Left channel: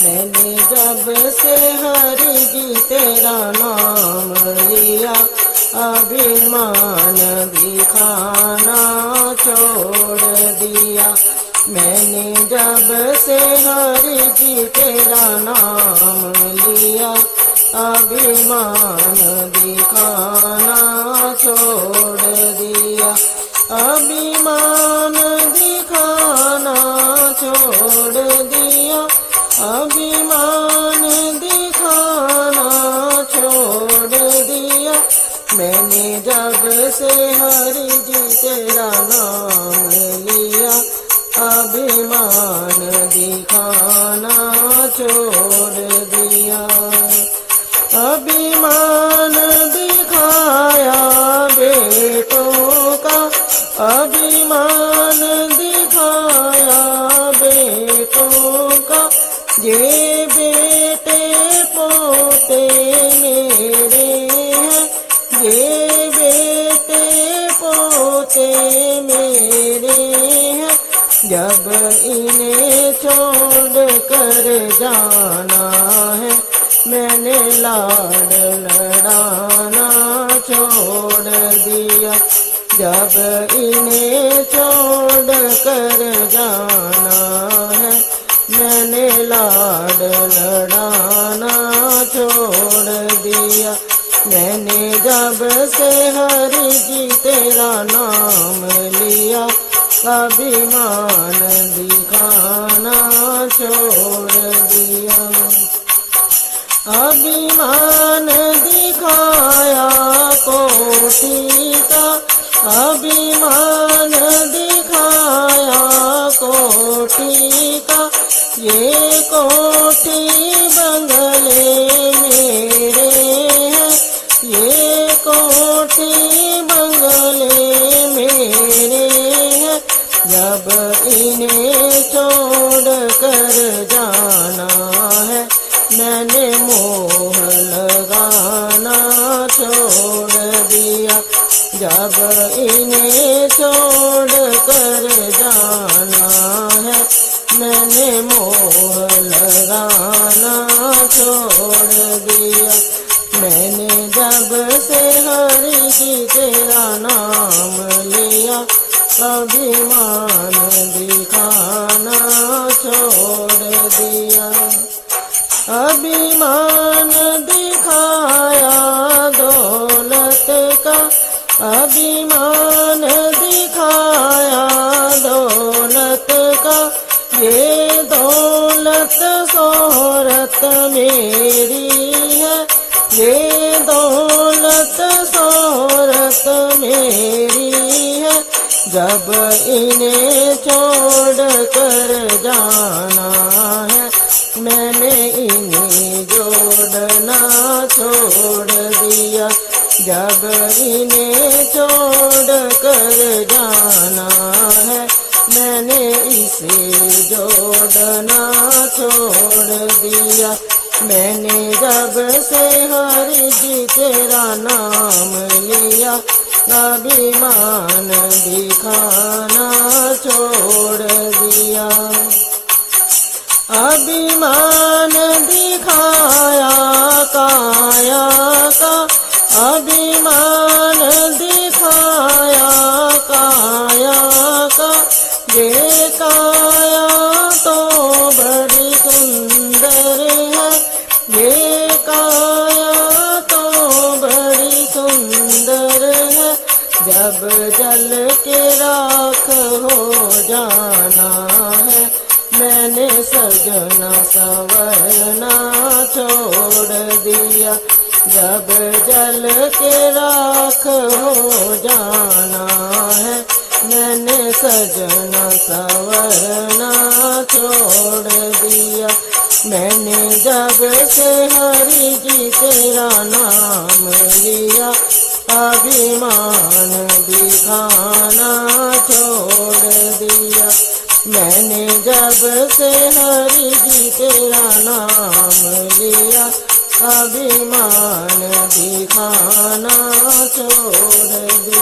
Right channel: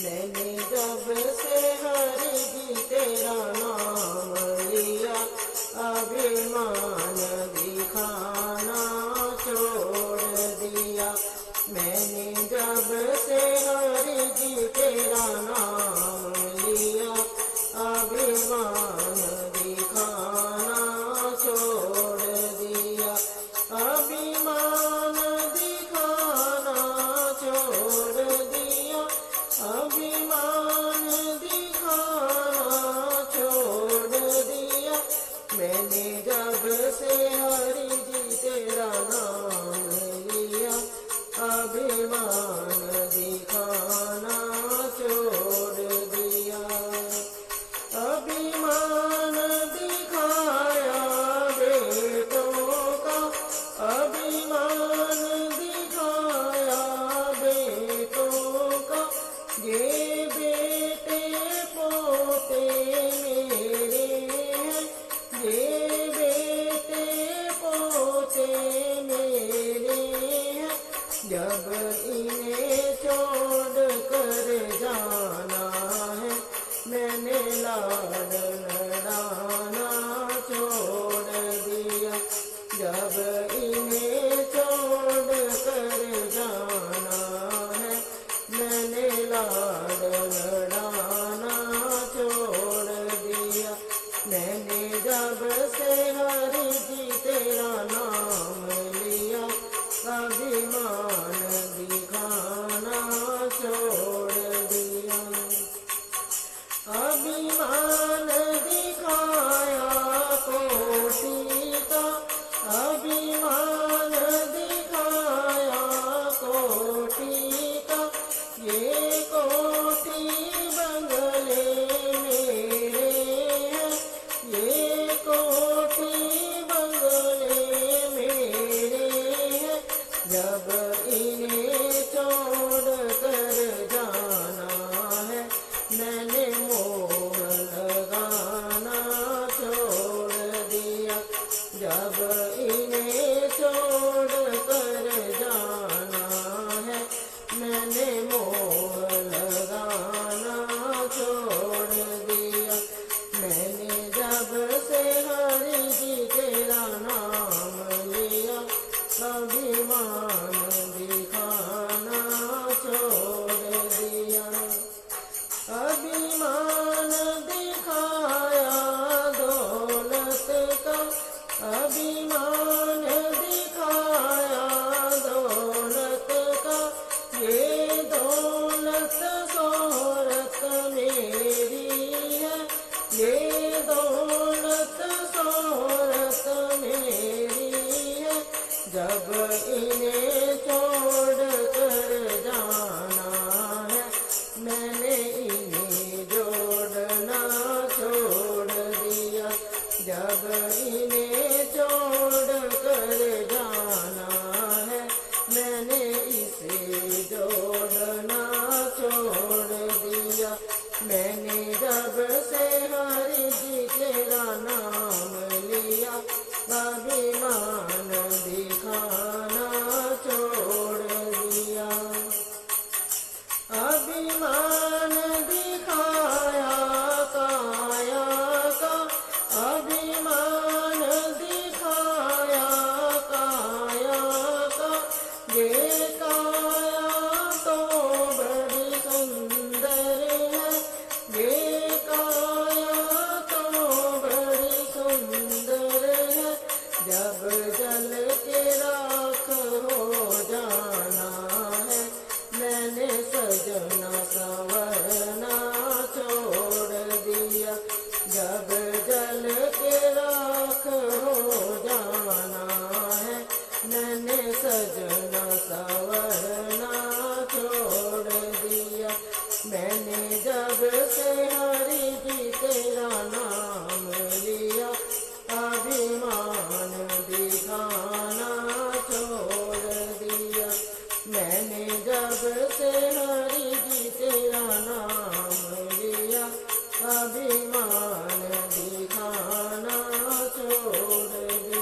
मैंने जब से हरि जी तेरा नाम लिया, अभिमान दिखाना छोड़ दिया। मैंने जब से हरि जी तेरा नाम लिया, अभिमान दिखाना छोड़ दिया। अभिमान दिखाना छोड़ दिया, अभिमान दिखाना छोड़ दिया। मैंने जब से हरि जी तेरा नाम लिया, अभिमान दिखाना छोड़ दिया। अभिमान दिखाया बेटों का, अभिमान दिखाया बेटों का। ये बेटे पोते मेरे हैं, ये बेटे पोते मेरे हैं। जब इन्हें छोड़ कर जाना है, मैंने लाड लड़ाना छोड़ दिया। जब इन्हें छोड़ कर जाना है, मैंने लाड लड़ाना छोड़ दिया। मैंने जब से हरि जी तेरा नाम लिया, अभिमान दिखाना छोड़ दिया। अभिमान दिखाया कोटि का, अभिमान दिखाया कोटि का। ये कोटि बंगले मेरे हैं, ये कोटि बंगले मेरे हैं। जब इन्हें छोड़ कर जाना है, मैंने मोह लगाना छोड़ दिया। जब इन्हें छोड़ कर जाना है, मैंने मोह लगाना छोड़ दिया। मैंने जब से हरि जी तेरा नाम लिया, अभिमान दिखाना छोड़ दिया। अभिमान दिखाया दौलत का, अभिमान दिखाया दौलत का। ये दौलत शोहरत मेरी है, ये दौलत शोहरत मेरी है। जब इन्हें छोड़ कर जाना है, मैंने इन्हें जोड़ना छोड़ दिया। जब इन्हें छोड़ कर जाना है, मैंने इसे जोड़ना छोड़ दिया। मैंने जब से हरि जी तेरा नाम लिया, अभिमान दिखाना छोड़ दिया। अभिमान दिखाया काया का, अभिमान दिखाया काया का। ये काया तो बड़ी सुंदर है, ये काया तो बड़ी सुंदर है। जब जल के राख हो जाना है, मैंने सजना संवरना छोड़ दिया। जब जल के राख हो जाना है, मैंने सजना संवरना छोड़ दिया। मैंने जब से हरि जी तेरा नाम लिया, अभिमान दिखाना छोड़ दिया। मैंने जब से हरि जी तेरा नाम लिया, अभिमान दिखाना छोड़ दिया।